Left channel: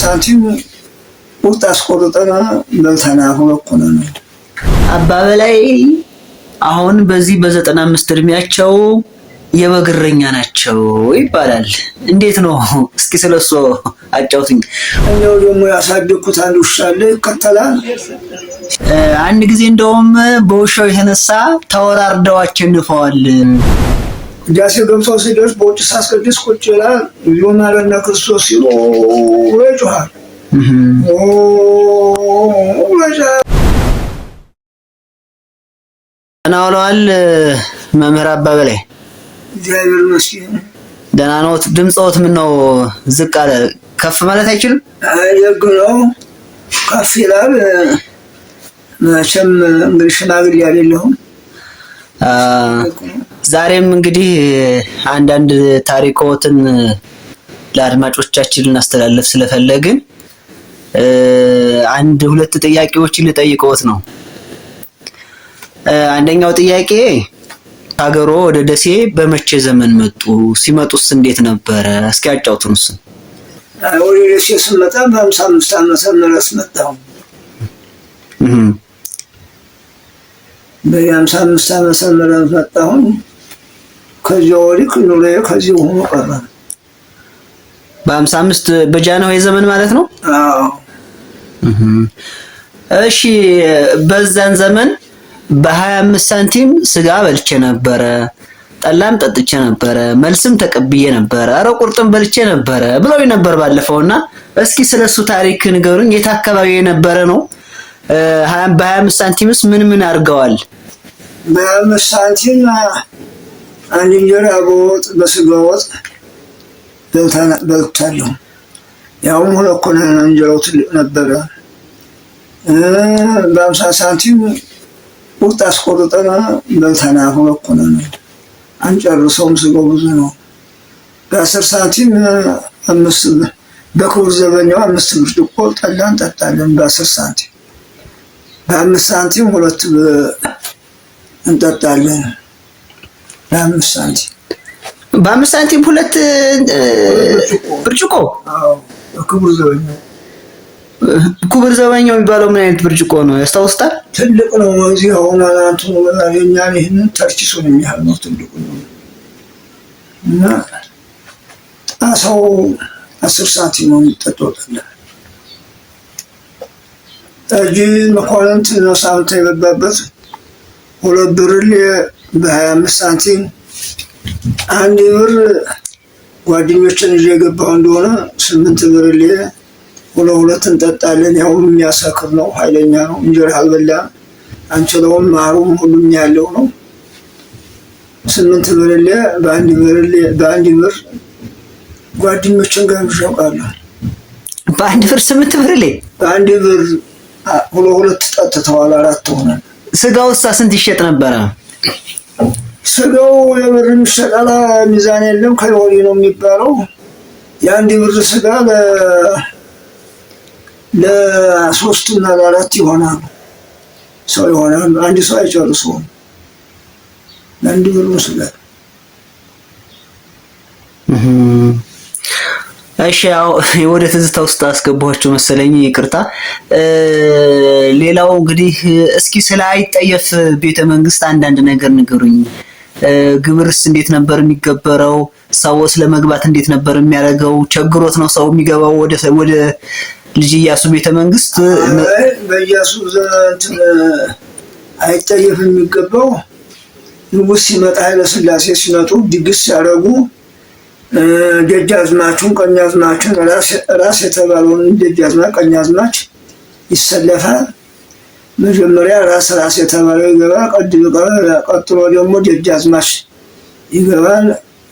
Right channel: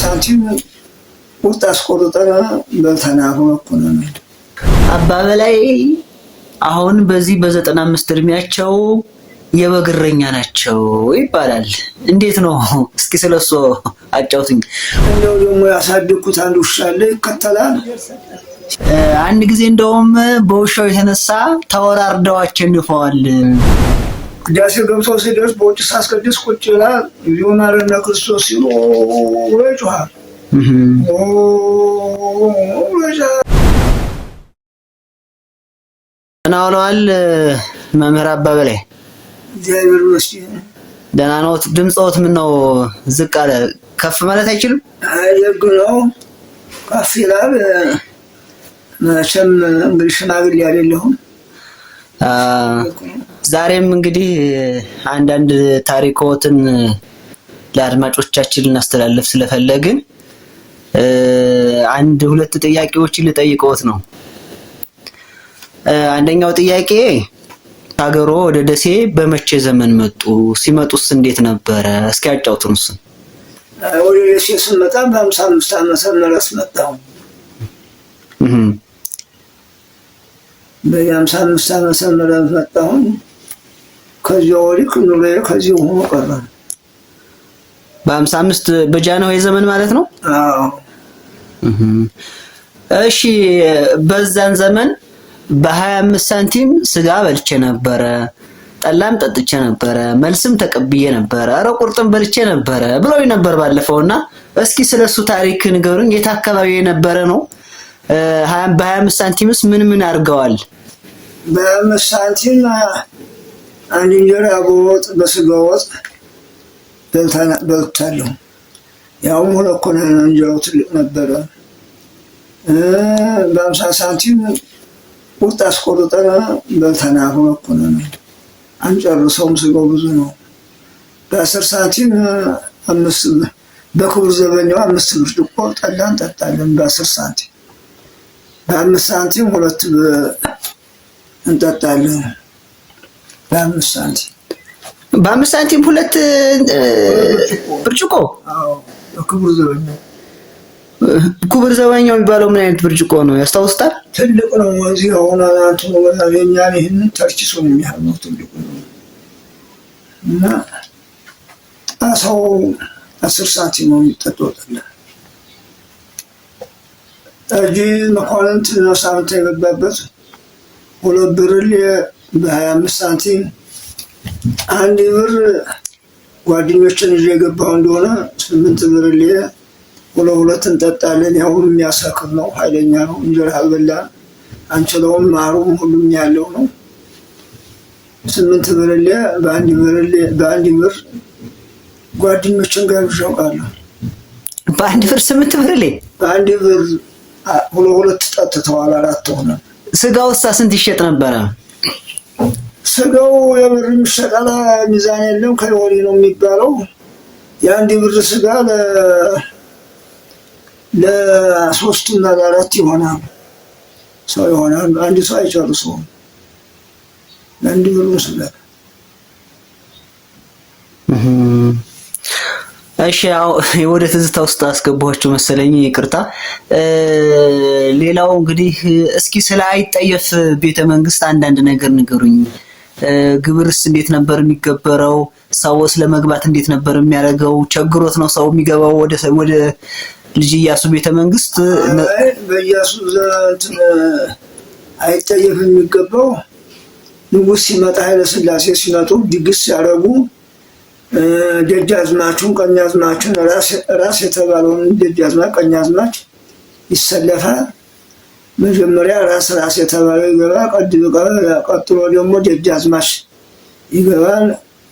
ሳንቲም ቁርጥ አስቆርጠን በልተና ሁለኩነ ነው። አባ በላይ አሁን በዚህ በ95 እድሜያቸው የበግረኛ ናቸው ይባላል። እንዴት ነው? እስኪ ስለሱ አጫውቱኝ። እንደው ደግሞ ያሳደኩት አንድ ውሻ አለ ይከተላል። አንድ ጊዜ እንደውም በውሻው የተነሳ ተወራርደው አሸንፈዋል። ቅዳሴ ገብቶ ሲደርስ በውጭ ሳስቀድስ ቁጭ ይላል። ዮማረና ክርስቶስ ሲሉ ይጮሃል። እናውላል መምህር አባ በላይ እግዚአብሔር ይመስገን ደህና ነው። ድምጽዎት ምን ነው ዝቅ አለ? ከፍ ማለት አይችልም? የግ ነው ከፍ ይላል። መቼም እንግዲህ ሽማግሌ አይደለሁም። ዛሬም እንግዲህ አንዳንድ ታሪኮትን ለአድማጮቻችን እናስተላልፍ ስለፈለግን አንድ ሁለት ጥያቄዎችን ልጠይቅዎት ነው። አንደኛው ጥያቄ ሀገሮ ወደ ደሴ በመቼ ዘመን መጡ? ሲመጡስ እንዴት ነበረ? እስኪ አጫውቱን። እሱ ወደ ደሴ ስመጣ በ55 ዓመተ ምህረት መጣሁ። በ55 ዓመተ ምህረት መጣሁ። ከዚያ ወዲህ ኑሮዬ ከዚህ ሆኖ ቀረ። በ55 በጃንሆይ ዘመን ማለት ነው? አዎ። እሺ በዛን ዘመን በ25 ሳንቲም ስጋ በልቼ ነበረ፣ ጠላም ጠጥቼ ነበረ፣ መልስም ተቀብዬ ነበረ፣ አረ ቁርጥም በልቼ ነበረ ብለው ነበር ባለፈውና እስኪ ስለሱ ታሪክ ንገሩኝ። የት አካባቢ የነበረ ነው? በ25 ሳንቲምስ ምን ምን አድርገዋል? በ25 ሳንቲም አንድ እንጀራ በወጥ በስጋ ወጥ በልቻለሁ። ያውም ሁለት ኮነ እንጀራው ትልቅ ነበረ። በ50 ሳንቲም ቁርጥ አስቆርጠን በልተና ሁለት ኮነ ነው። አንጨርሰውም፣ ስጋው ብዙ ነው። በ10 ሳንቲም በክቡር ዘበኛው 5 ብርጭቆ ጠላ እንጠጣለን። በ10 ሳንቲም በ5 ሳንቲም 2 እንጠጣለን። በ5 ሳንቲም በ5 ሳንቲም 2 ብርጭቆ። አዎ በክቡር ዘበኛው። ክቡር ዘበኛው የሚባለው ምን አይነት ብርጭቆ ነው ያስታውስታል? ትልቅ ነው። እዚህ አሁን አንቱ ወላኛ ይሄንን ተርኪሱን የሚያህል ነው። ትልቁ ነው እና አሳው 10 ሳንቲም ነው የሚጠጣው ጠላ። ጠጅ መኳንንት ነው ሳንታ የገባበት 2 ብርሌ በ25 ሳንቲም። 1 ብር ጓደኞችን ይዤ የገባው እንደሆነ 8 ብርሌ 2 እንጠጣለን። ያው የሚያሰክር ነው፣ ኃይለኛ ነው። እንጀራ አልበላ አንችለውም። ማሩም ሁሉም ያለው ነው። 8 ብርሌ በአንድ ብር ጓደኞችን ጋብዣ አውቃለሁ። በአንድ ብር 8 ብርሌ በአንድ ብር 2 ጠጥተዋል። 4 ሆነ። ስጋውሳ ስንት ይሸጥ ነበረ? ስጋው የብር የሚሸጣል፣ ሚዛን የለም። ከወዲ ነው የሚባለው። የአንድ ብር ስጋ ለ3 እና ለ4 ይሆናል። ሰው ይሆናል። አንድ ሰው አይጨርሰውም። ለአንድ ብር ስጋ። እሺ ያው ወደ ትዝታ ውስጥ አስገባችሁ መሰለኝ፣ ይቅርታ። ሌላው እንግዲህ እስኪ ስለ አይጠየፍ ቤተ መንግስት አንዳንድ ነገር ንገሩኝ። ግብርስ እንዴት ነበር የሚገበረው? ሰውስ ለመግባት እንዴት ነበር የሚያደርገው? ቸግሮት ነው ሰው የሚገባው ወደ ልጅ ኢያሱ ቤተ መንግስት? በኢያሱ ዘንድ አይጠየፍ የሚገባው ንጉስ ሲመጣ ኃይለ ሥላሴ ሲመጡ ድግስ ሲያደርጉ ደጃዝማቹን ቀኛዝማቹን ራስ የተባለውን ደጃዝማች ቀኛዝማች ይሰለፋል። መጀመሪያ ራስ የተባለው ይገባል። ቀጥሎ ደግሞ ደጃዝማች ይገባል።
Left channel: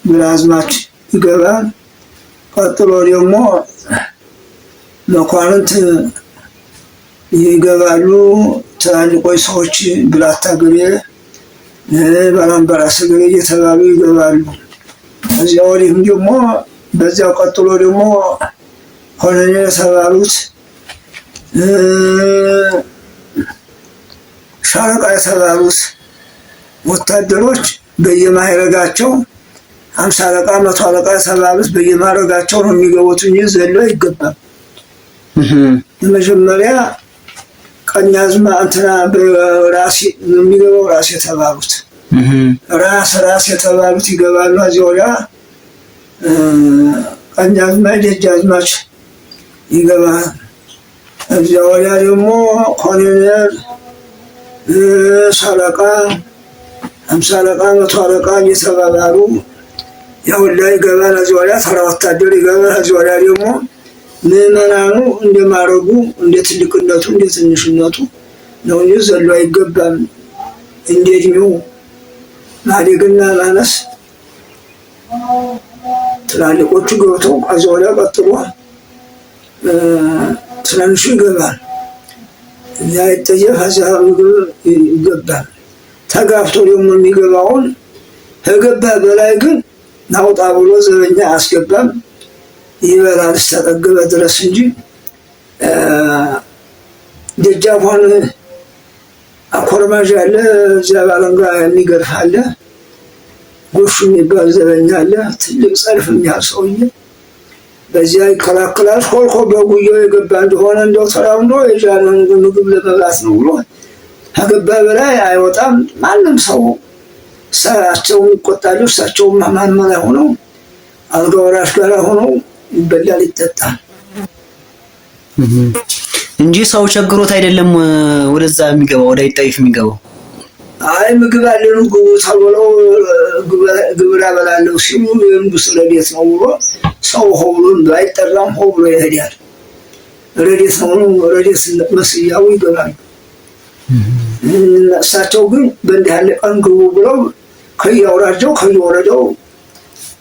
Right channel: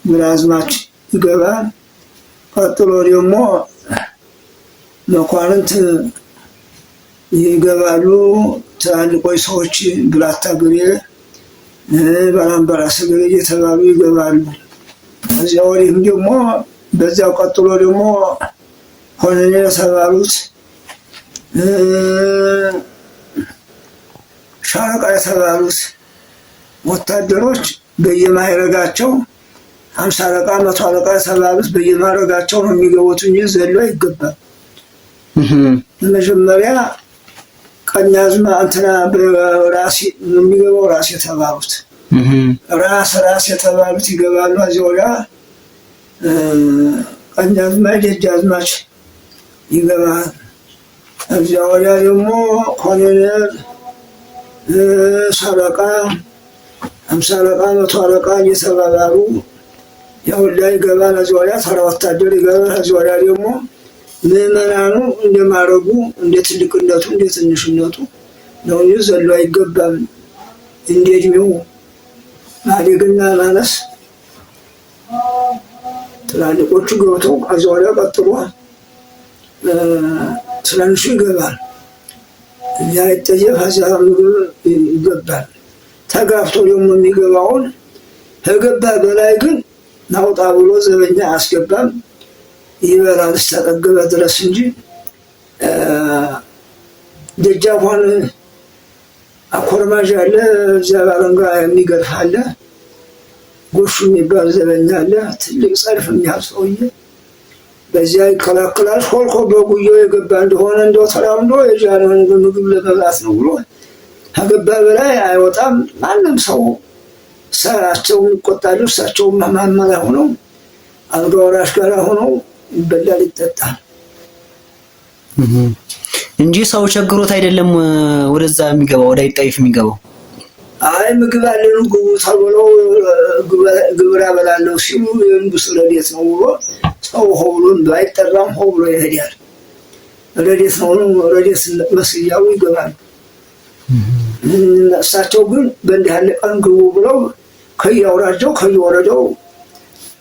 ግራዝማች ይገባል። ቀጥሎ ደግሞ መኳንንት ይገባሉ። ትላልቆች ሰዎች ብላታ ገሌ፣ ባላምባራስ ገሌ እየተባሉ ይገባሉ። እዚያ ወዲህም ደግሞ በዚያው ቀጥሎ ደግሞ ኮሎኔል የተባሉት ሻለቃ የተባሉት ወታደሮች በየማዕረጋቸው 50 አለቃ 100 አለቃ የተባሉት በየማዕረጋቸው ነው የሚገቡት እንጂ ዘሎ አይገባም። መጀመሪያ ቀኛዝማ እንትና በራስ የሚገባው ራስ የተባሉት ራስ የተባሉት ይገባሉ። እዚያ ወዲያ ቀኛዝማች ደጃዝማች ይገባል። እዚያ ወዲያ ደግሞ ኮሎኔል፣ ሻለቃ፣ ሃምሳ አለቃ፣ መቶ አለቃ እየተባባሉ ያውላ ይገባል። እዚያ ወዲያ ተራ ወታደር ይገባል። እዚያ ወዲያ ደግሞ ምዕመናኑ እንደማረጉ እንደ ትልቅነቱ እንደ ትንሽነቱ ነው እንጂ ዘሎ አይገባም። እንደ እድሜው ማደግና ማነስ ትላልቆቹ ገብተው ከዚያ ወዲያ ቀጥሎ ትናንሹ ይገባል። እንዳይጠየፍ ከዚያ ምግብ ይገባል። ተጋፍቶ ደግሞ የሚገባውን ከገባ በላይ ግን ናውጣ ብሎ ዘበኛ አያስገባም። ይበላል እስከጠገበ ድረስ እንጂ ደጃፏን አኮርማዥ አለ፣ እዚያ ባለንጋ የሚገርፍ አለ፣ ጎሹ የሚባል ዘበኛ አለ። ትልቅ ጸልፍ የሚያህል ሰውዬ በዚያ ይከላከላል። ሾልኮ በጉያው የገባ እንደሆነ እንደው ተራምዶ የጃነውን ምግብ ለመብላት ነው ብሎ ከገባ በላይ አይወጣም። ማንም ሰው እሳቸውም ይቆጣሉ። እሳቸውም ማማ ላይ ሆነው አልጋ ወራሽ ጋር ሆነው ይበላል ይጠጣል እንጂ ሰው ቸግሮት አይደለም ወደዛ የሚገባው ወደ አይጣይፍ የሚገባው። አይ ምግብ አለኑ ግቡ ተብለው ግብር አበላለሁ ሲሉ የንጉሥ ረድኤት ነው ብሎ ሰው ሆ ብሎ ባይጠራም ሆ ብሎ ይሄዳል። ረድኤት ነው ረድኤት መስያው ይገባሉ። እሳቸው ግን በእንዲህ ያለ ቀን ግቡ ብለው ከየአውራጃው ከየወረዳው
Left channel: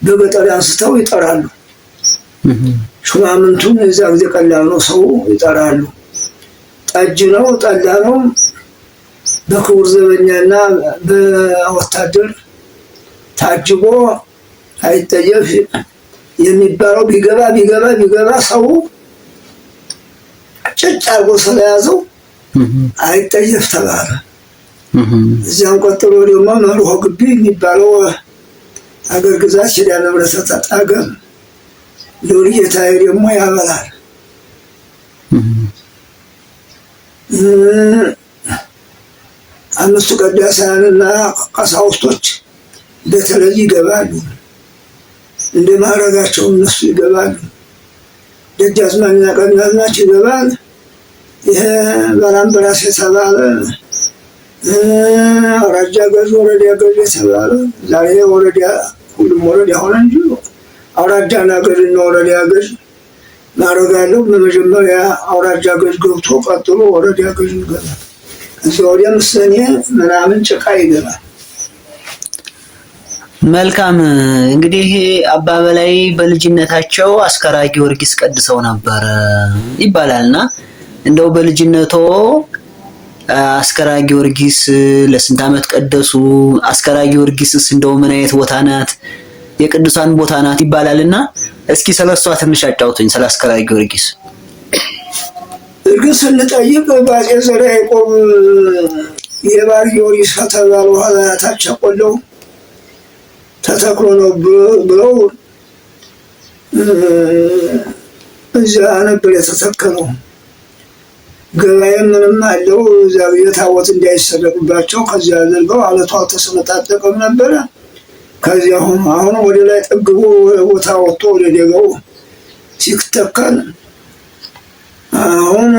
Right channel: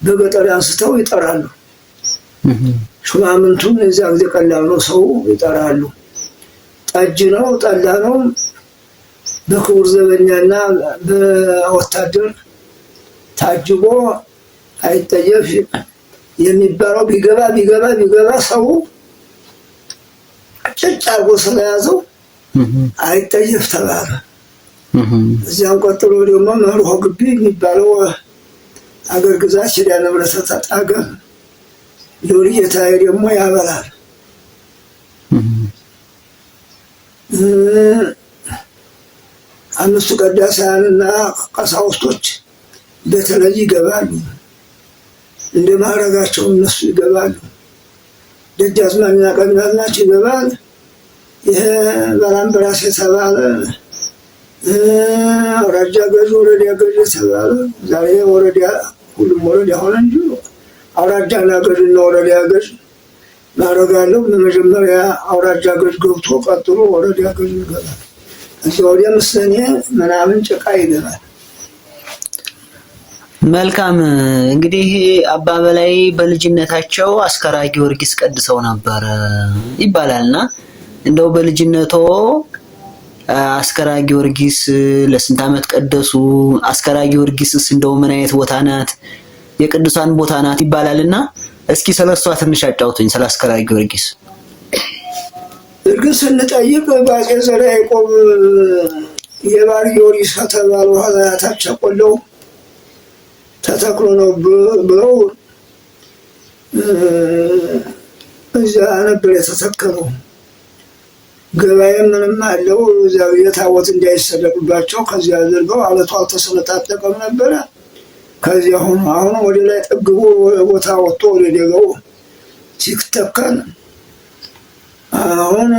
በገጠር አንስተው ይጠራሉ። ሹማምንቱን እዛ ጊዜ ቀላል ነው፣ ሰው ይጠራሉ። ጠጅ ነው ጠላ ነው በክቡር ዘበኛና በወታደር ታጅቦ አይጠየፍ የሚባለው ቢገባ ሰው ጭጭ አርጎ ስለያዘው አይጠየፍ ተባለ። እዚያም ቀጥሎ ደግሞ መርሆ ግቢ የሚባለው አገር ግዛት ኪዳነ ምሕረት ተጣገም ሎሪ ጌታዬ ደግሞ ያበላል። አምስቱ ቀዳሳያንና ቀሳውስቶች በተለይ ይገባሉ። እንደ ማዕረጋቸው እነሱ ይገባሉ። ደጃዝማችና ቀኛዝማች ይገባል። ይሄ ባላምበራስ የተባለ አውራጃ ገዥ፣ ወረዳ ገዥ የተባለ ዛሬ ወረዳ ሁሉም ወረዳ ሆነ እንጂ አውራጃና ገዥና ወረዳ ገዥ ማዕረግ አለው። በመጀመሪያ አውራጃ ገዥ ገብቶ ቀጥሎ ወረዳ ገዥ ይገባል። እዚህ ወዲያ ምስለኔ ምናምን ጭቃ ይገባል። መልካም እንግዲህ አባ በላይ በልጅነታቸው አስከራ ጊዮርጊስ ቀድሰው ነበር ይባላልና እንደው በልጅነቶ አስከራ ጊዮርጊስ ለስንት ዓመት ቀደሱ? አስከራ ጊዮርጊስስ እንደው ምን አይነት ቦታ ናት? የቅዱሳን ቦታ ናት ይባላልና እስኪ ስለሷ ትንሽ አጫውቱኝ ስለ አስከራ ጊዮርጊስ። እርግጥ ስንጠይቅ በአፄ ዘርዓ ያዕቆብ የባር ጊዮርጊስ ከተባሉ ሀገራታች ቆለው ተተክሎ ነው ብለው እዚያ ነበር የተተከለው። ገበያ ምንም አለው። እዛ የታወት እንዳይሰረቅባቸው ከዚያ አድርገው አለቷ ተሰነጣጠቀም ነበረ። ከዚያ አሁን ወደ ላይ ጠግቦ ቦታ ወጥቶ ወደ ደጋው ሲተከል አሁን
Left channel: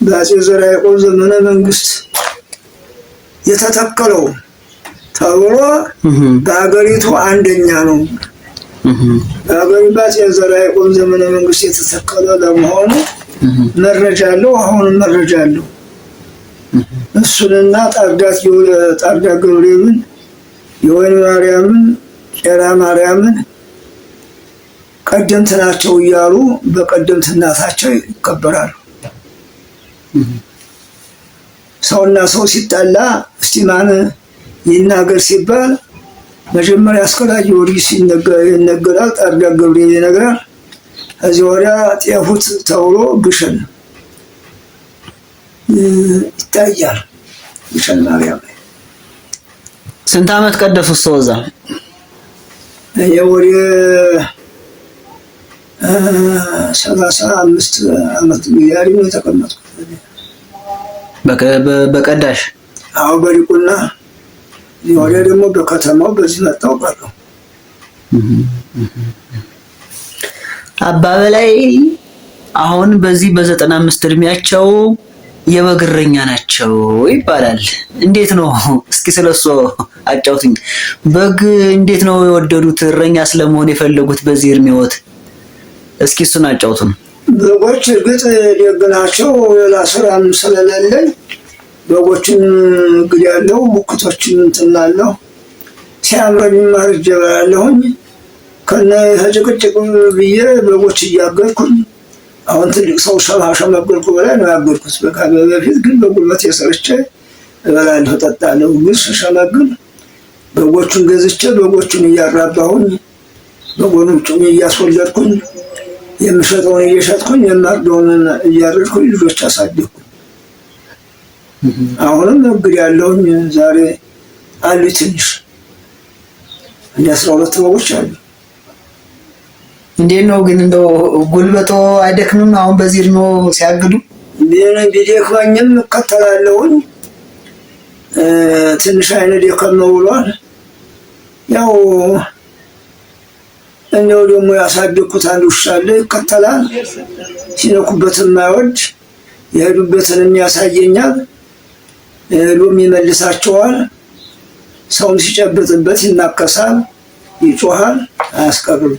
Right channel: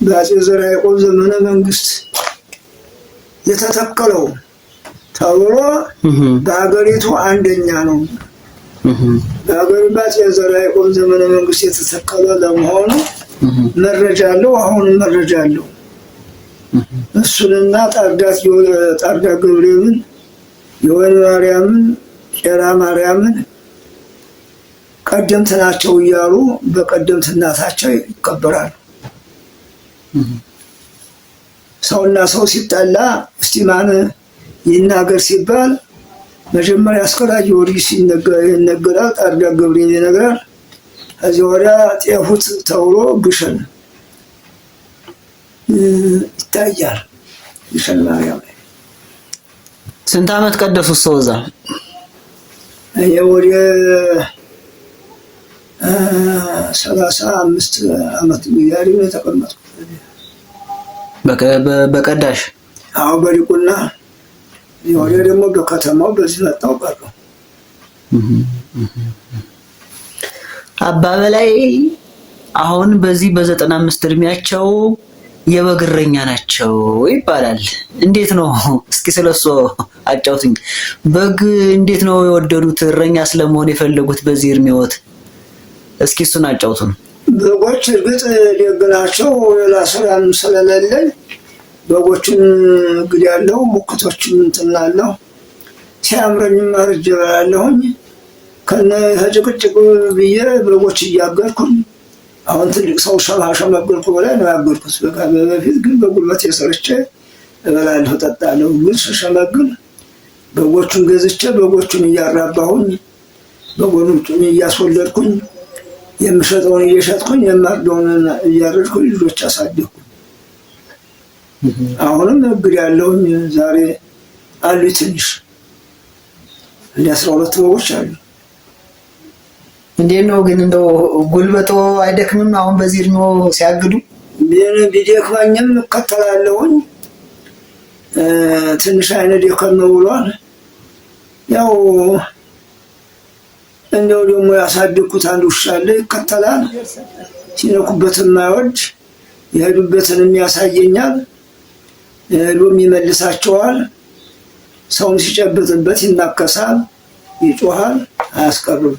በአፄ ዘርዓ ያዕቆብ ዘመነ መንግስት የተተከለው ተብሎ በሀገሪቱ አንደኛ ነው። በአፄ ዘርዓ ያዕቆብ ዘመነ መንግስት የተተከለ ለመሆኑ መረጃ አለው። አሁንም መረጃ አለው። እሱንና ጣርዳ ገብርኤልን፣ የወይን ማርያምን፣ ቄራ ማርያምን ቀደምት ናቸው እያሉ በቀደምትናታቸው ይከበራሉ። ሰውና ሰው ሲጣላ እስቲ ማን ይናገር ሲባል መጀመሪያ አስከራ ጊዮርጊስ ይነገራል፣ ጣርዳ ገብርኤል ይነግራል። ከዚህ ወዲያ ጤፉት ተብሎ ግሸን ይታያል። ግሸን ማርያም ስንት ዓመት ቀደሱ? እዛ 35 ዓመት ያህል ነው የተቀመጥኩት። በቀዳሽ አዎ በዲቁና ወደ ደግሞ በከተማው በዚህ መጣው ቀረው። አባ በላይ አሁን በዚህ በ95 እድሜያቸው የበግ እረኛ ናቸው ይባላል። እንዴት ነው? እስኪ ስለሱ አጫውቱኝ። በግ እንዴት ነው የወደዱት? እረኛ ስለመሆን የፈለጉት በዚህ እድሜዎት? እስኪ እሱን አጫውቱን። በጎች እርግጥ ደግ ናቸው። ሌላ ስራም ስለሌለኝ በጎችን እንግዲህ ያለው ሙክቶችን እንትናለሁ ሲያምረኝ ማርጀ እበላለሁኝ። ከነ ጭቅጭቅ ብዬ በጎች እያገርኩኝ አሁን ትልቅ ሰው ሸመገልኩ በላይ ነው ያገርኩት። በፊት ግን በጉልበት የሰርቼ እበላለሁ እጠጣለሁ። ግን ስሸመግል በጎቹን ገዝቼ በጎቹን እያራባሁኝ በጎቹን እያስወለድኩኝ የምሸጠውን እየሸጥኩኝ የማርደውን እያረድኩኝ ልጆች አሳደግኩ። አሁንም እንግዲህ ያለሁኝ ዛሬ አሉ ትንሽ እንደ 12 በጎች አሉ። እንዴት ነው ግን እንደው ጉልበቶ አይደክምም? አሁን በዚህ እድሜ ሲያግዱ ቢደክመኝም እከተላለሁኝ። ትንሽ አይነት ደከም ብሏል። ያው እንደው ደግሞ ያሳደግኩት አንድ ውሻ አለ ይከተላል። ሲነኩበትም የማይወድ የሄዱበትንም ያሳየኛል። ሎም ይመልሳቸዋል። ሰውም ሲጨብጥበት ይናከሳል፣ ይጮሃል፣ አያስቀርም።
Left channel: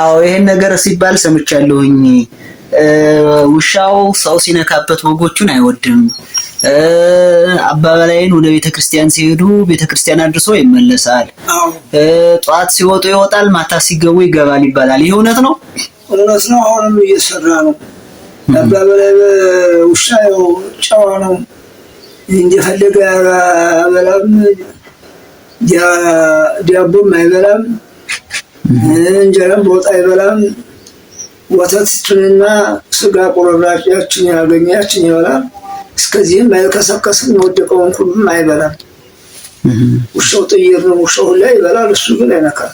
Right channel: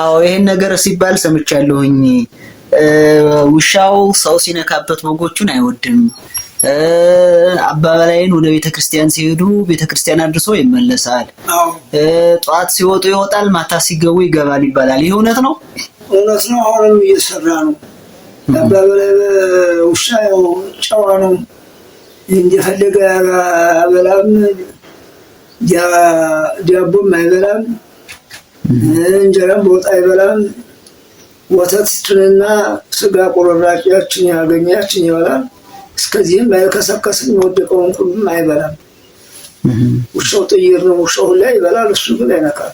አዎ ይሄን ነገር ሲባል ሰምቻለሁኝ። ውሻው ሰው ሲነካበት በጎቹን አይወድም። አባ በላይን ወደ ቤተክርስቲያን ሲሄዱ ቤተክርስቲያን አድርሶ ይመለሳል። ጠዋት ሲወጡ ይወጣል፣ ማታ ሲገቡ ይገባል ይባላል። ይሄ እውነት ነው? እውነት ነው። አሁንም እየሰራ ነው። አባ በላይ ውሻ ያው ጨዋ ነው። እንደፈለገ አበላም፣ ዳቦም አይበላም፣ እንጀራም በወጥ አይበላም። ወተቱንና ስጋ ቁርራጮችን ያገኛችን ይበላል። እስከዚህም አይከሰከስም። የወደቀውን ሁሉም አይበላም። ውሻው ጥይር ነው። ውሻው ላይ ይበላል፣ እሱ ግን አይነካም።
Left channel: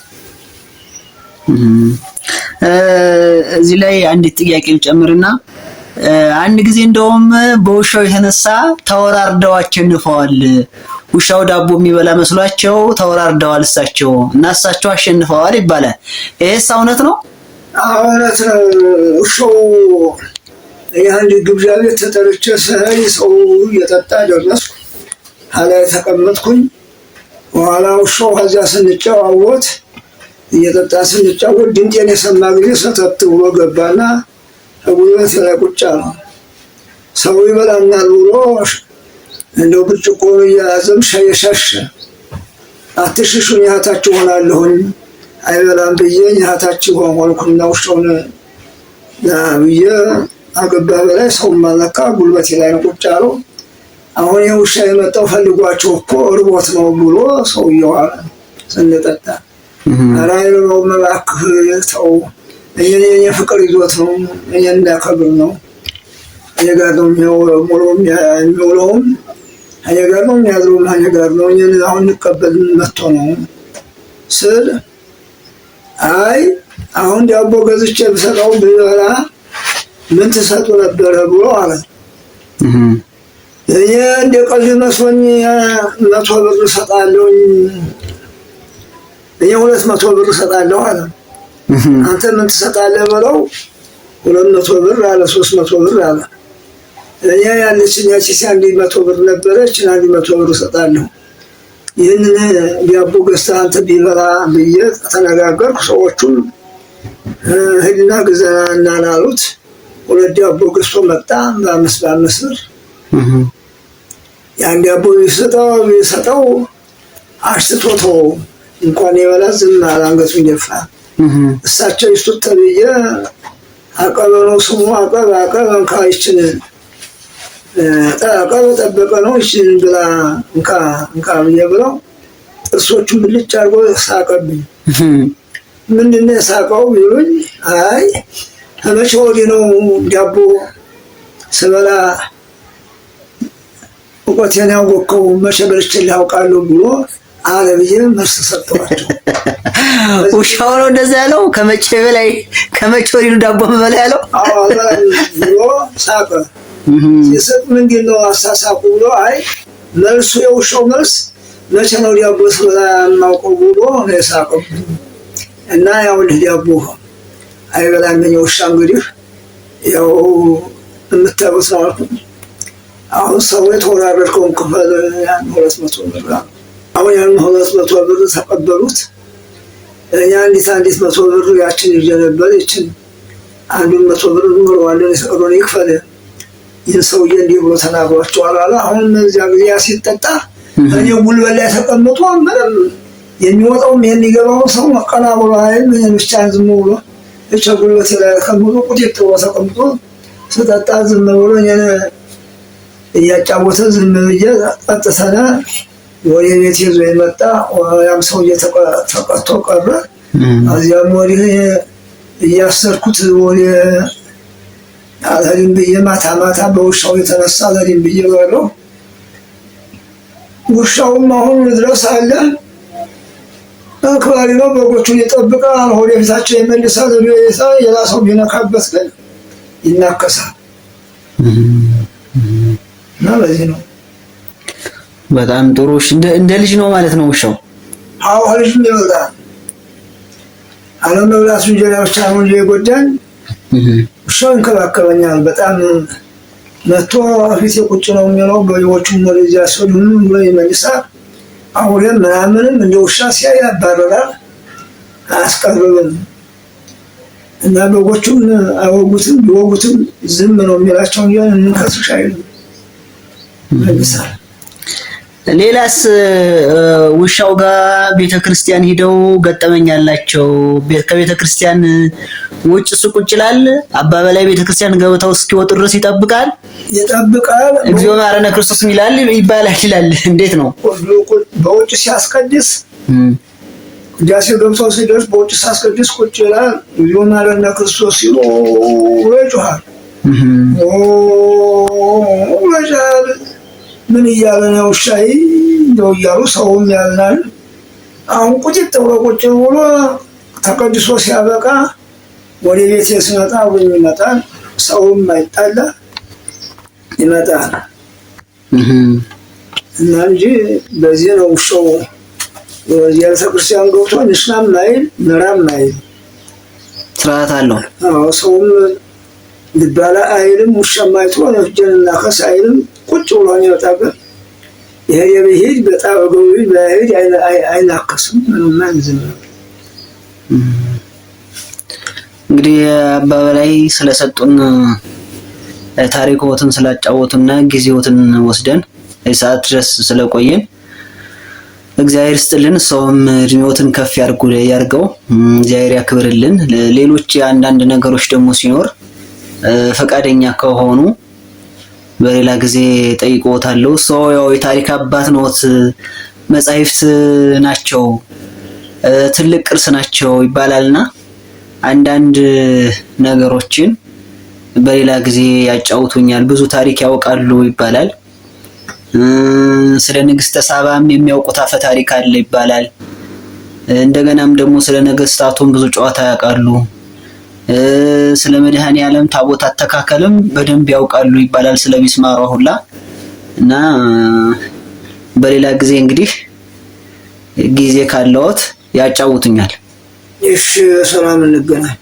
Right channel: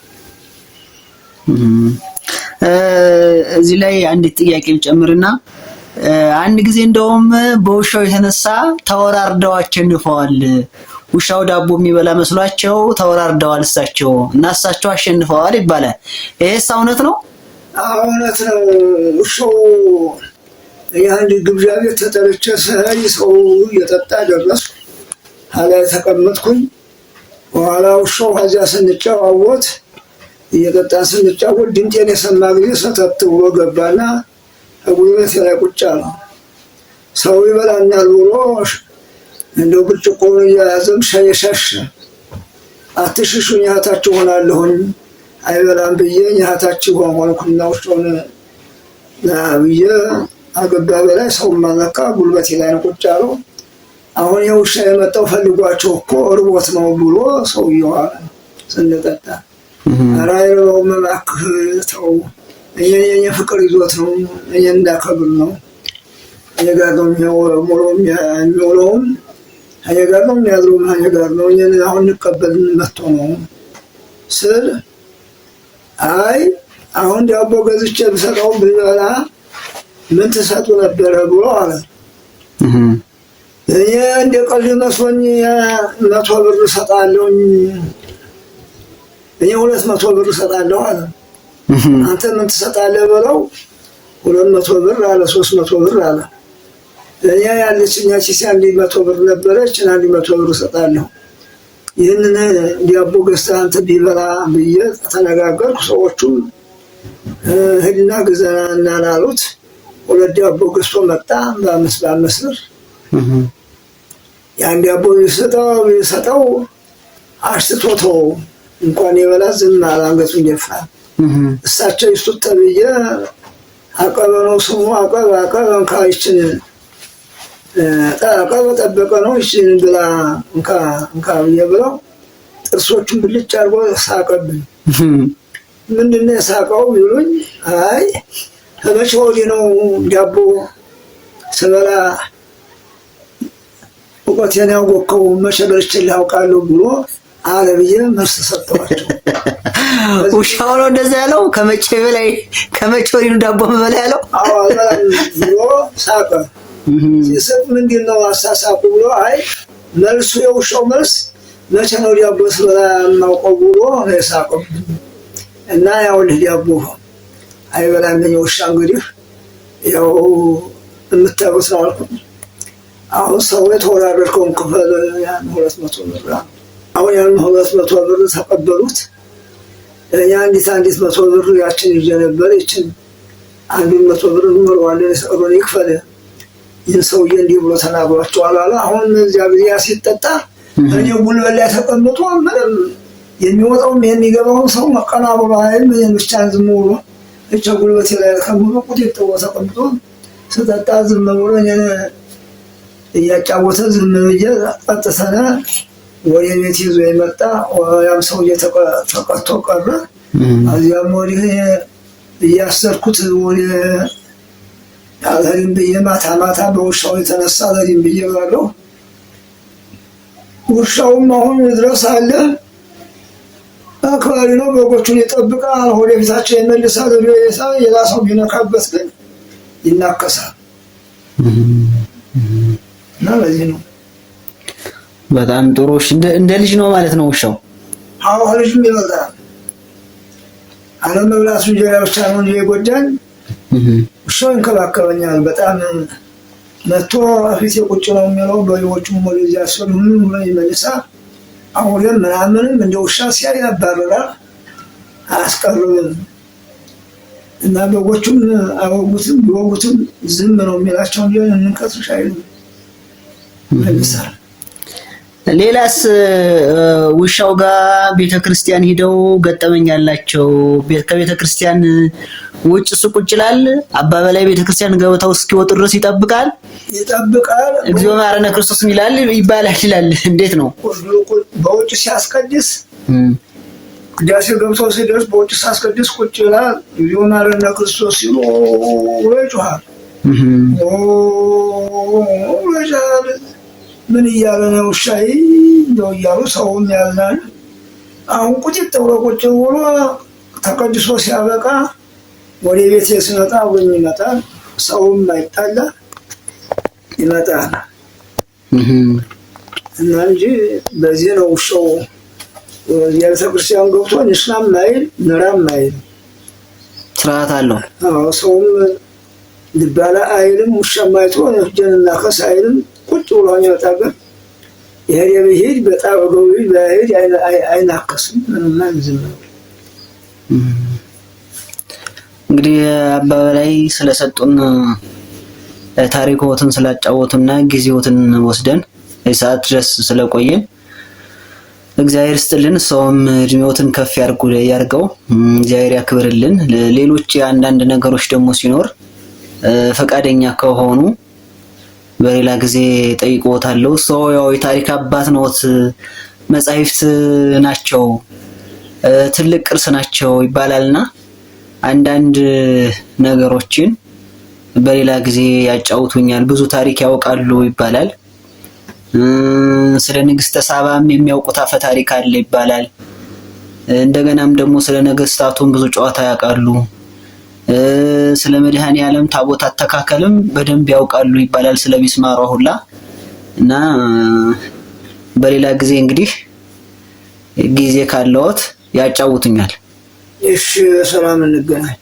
እዚህ ላይ አንዲት ጥያቄ ልጨምርና አንድ ጊዜ እንደውም በውሻው የተነሳ ተወራርደው አሸንፈዋል። ውሻው ዳቦ የሚበላ መስሏቸው ተወራርደዋል እሳቸው እና እሳቸው አሸንፈዋል ይባላል። ይሄስ እውነት ነው? እውነት ነው። ውሻው የአንድ ግብዣ ቤት ተጠርቼ ስሄድ ሰው እየጠጣ ደረስኩ። ሀላይ ተቀመጥኩኝ። በኋላ ውሻው ከዚያ ስንጫዋወት እየጠጣ ስንጫወት ድምጤን የሰማ ጊዜ ሰተት ብሎ ገባና ጉልበት ላይ ቁጭ አለ። ሰው ይበላኛል ብሎ እንደው ብርጭቆውን እያያዘም ሸሸ። አትሽሹኝ እህታችሁ ሆናለሁኝ አይበላም ብዬ እህታችሁ ሆንኩና ውሻውን ብዬ አገባ በላይ ሰው ማለካ ጉልበት ላይ ነው ቁጭ አለው። አሁን የውሻ የመጣው ፈልጓቸው እኮ እርቦት ነው ብሎ ሰውየው አለ ስንጠጣ። ራይረው መባክህ ተው፣ የፍቅር ይዞት ነው እኔ እንዳከብር ነው የጋር ነው የሚውለውም የጋር ነው የሚያድረውም የጋር ነው እኔ አሁን ልቀበል መጥቶ ነው ስል አይ አሁን ዳቦ ገዝቼ ብሰጠው ቢበላ ምን ትሰጡ ነበር ብሎ አለ። እኔ እንደ ቀልድ መስሎኝ 100 ብር እሰጣለሁኝ፣ እኔ 200 ብር እሰጣለሁ አለ። አንተ ምን ትሰጣለህ ብለው 200 ብር አለ፣ 300 ብር አለ። እኔ ያለችኝ ያቺ 100 ብር ነበረች፣ 100 ብር እሰጣለሁ። ይህንን ዳቦ ገዝተህ አንተ ቢበላ ብዬ ተነጋገርኩ። ሰዎቹም ሂድና ግዛና እናናሉት። 2 ዳቦ ገዝቶ መጣ በ5 ብር። ያን ዳቦ ይሰጠው አሽትቶተው እንኳን የበላ ዝም አለ፣ አንገቱን ደፋ። እሳቸው ይስጡት ተብዬ አቀበሉ። ስሙ አቀብ እንካይችን ጠቀበ ጠበቀ ነው። ይችን ብላ እንካ ብዬ ብለው ጥርሶቹን ብልጭ አድርጎ ሳቀብኝ። ምንድን ነው የሳቀው ቢሉኝ፣ አይ መቼ ወዲህ ነው ዳቦ ስበላ እውቀቴን ያወቅኸው መቼ በልቼ ላውቃለሁ ብሎ አለ ብዬ መልስ ሰጠኋቸው። ውሻው ነው እንደዛ ያለው ከመቼ በላይ ከመቼ ወዲህ ዳቦ በላይ ያለው ብሎ ሳቀ። ሲስቅ ምንድን ነው አሳሳቁ ብሎ አይ መልሱ የውሻው መልስ መቼ ነው ዳቦ ስበላ የማውቀው ብሎ ነው የሳቀው። እና ያው ዳቦ አይበላም ውሻ እንግዲህ ያው የምታዩት ነው አልኩት። አሁን ሰው የተወራረድከውን ክፈል ያን 200 ብር አሁን ያን 200 ብር ተቀበሉት። እኛ አንዲት 100 ብር ያችን ይዤ ነበር። ይችን 100 ብር ምርዋለን የሰሩን ይክፈል ይህን ሰውዬ እንዲህ ብሎ ተናግሯቸዋል አለ። አሁን እዚያ ጊዜ ሲጠጣ እኔ ጉልበት ላይ ተቀምጦ ምንም የሚወጣውም የሚገባውን ሰው ቀና ብሎ አይል ብቻ ዝም ብሎ እቻ ጉልበት ላይ ተቀምጦ ቁጭት ብሎ ተቀምጦ ስጠጣ ዝም ብሎ እኔን እያጫወተ ዝም ብዬ ጠጥተና ወደ ቤት ይዞ የመጣ ያም ሰውዬ ተቀጥቶ ቀረ። እዚያም ወዲህ እያሰርኩት ወደ አለሪም ብዬ ማታ ማታ በውሻው የተነሳ አለሪም ብዬ በለው። ውሻውም አሁን ድረስ አለ አክባሪ ነው። በጎቹን ይጠብቃል፣ ወደ ቤታቸው ይመልሳል። ሌላ ሰው ቢነካበት ግን ይናከሳል። እና በዚህ ነው። በጣም ጥሩ። እንደ ልጅ ነው ማለት ነው ውሻው? አዎ ልጅ ነው ይወጣል። አለመብላቱ እንጀራ ብቻ ነው እንጂ የጎዳኝ ውሻው ይንከባከበኛል በጣም። መጥቶ ፊቴ ቁጭ ነው የሚለው። በሬዎቹም ወደዚያ ሲሆን ሁሉም ብሎ ይመልሳል። አሁንም ምናምንም እንደ ውሻ ሲያይ ያባረራል፣ አያስቀርብም። እና በጎቹም አይወጉትም፣ ቢወጉትም ዝም ነው የሚላቸው እንጂ እንከስሽ አይሉም፣ ይመልሳል። ሌላስ ውሻው ጋር ቤተክርስቲያን ሄደው ገጠመኝ ያላቸው? ከቤተክርስቲያን ውጭ ሱቁጭ ይላል። አባ በላይ ቤተክርስቲያን ገብተው እስኪወጡ ድረስ ይጠብቃል። እግዚኦ ማረነ ክርስቶስ ይባላል ይላል። እንዴት ነው? በውጭ ሲያስቀድስ ቅዳሴ ገብተው ሲደርስ በውጭ ሲያስቀድስ ቁጭ ይላል። እግዚኦ ማረነ ክርስቶስ ሲሉ ይጮሃል። ምን እያለ ነው ሻይ እንደው እያሉ ሰውም ያልናል። አሁን ቁጭት ብሎ ቁጭ ብሎ ተቀድሶ ሲያበቃ ወደ ቤት ሲመጣ ወይም ይመጣል። ሰውም አይጣላ ይመጣል። እና እንጂ በዚህ ነው ውሻው ቤተክርስቲያን ገብቶ ንስናም አይል ምራም አይል ስርዓት አለው። አዎ ሰውም ልባላ አይልም። ውሻም አይቶ ነፍጀንና ከስ አይልም። ቁጭ ብሎ የሚወጣበት ይሄ የብሄድ በጣም ገውይ በሄድ አይናከስም። ምንም አንዝም። እንግዲህ አባ በላይ ስለሰጡን ታሪኮትን ስላጫወቱና ጊዜዎትን ወስደን የሰዓት ድረስ ስለቆየን እግዚአብሔር ይስጥልን። ሰውም እድሜዎትን ከፍ ያርገው፣ እግዚአብሔር ያክብርልን። ሌሎች አንዳንድ ነገሮች ደግሞ ሲኖር ፈቃደኛ ከሆኑ በሌላ ጊዜ ጠይቆታለሁ። ሰው ያው የታሪክ አባት ነዎት፣ መጻሕፍት ናቸው፣ ትልቅ ቅርስ ናቸው ይባላልና አንዳንድ ነገሮችን በሌላ ጊዜ ያጫውቱኛል። ብዙ ታሪክ ያውቃሉ ይባላል። ስለ ንግስተ ሳባም የሚያውቁት አፈ ታሪክ አለ ይባላል። እንደገናም ደግሞ ስለ ነገስታቱም ብዙ ጨዋታ ያውቃሉ። ስለ መድኃኔዓለም ታቦት አተካከልም በደንብ ያውቃሉ ይባላል፣ ስለ ሚስማሩ ሁላ። እና በሌላ ጊዜ እንግዲህ ጊዜ ካለዎት ያጫውቱኛል። እሺ፣ ሰላም እንገናኝ።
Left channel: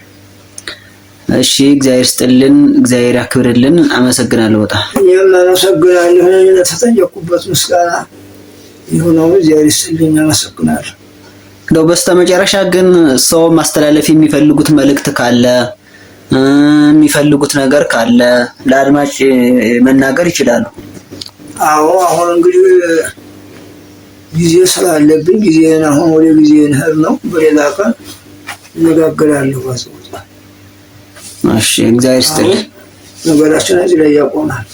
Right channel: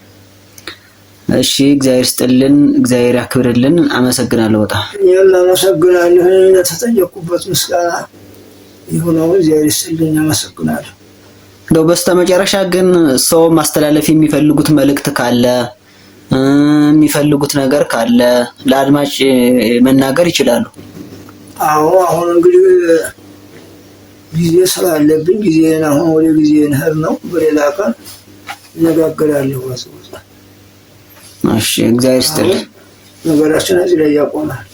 እሺ፣ እግዚአብሔር ይስጥልን፣ እግዚአብሔር ያክብርልን። አመሰግናለሁ። በጣም አመሰግናለሁ። ለተጠየቁበት ምስጋና ይሁነው። እግዚአብሔር ይስጥልኝ፣ አመሰግናለሁ። ነው። በስተመጨረሻ ግን ሰው ማስተላለፍ የሚፈልጉት መልእክት ካለ የሚፈልጉት ነገር ካለ ለአድማጭ መናገር ይችላሉ። አዎ አሁን እንግዲህ ጊዜ ስላለብኝ ጊዜን አሁን ወደ ጊዜን ህር ነው። በሌላ ቀን እነጋገራለሁ። እሺ፣ እግዚአብሔር ይስጥልኝ። ነገራችን እዚህ ላይ ያቆማል።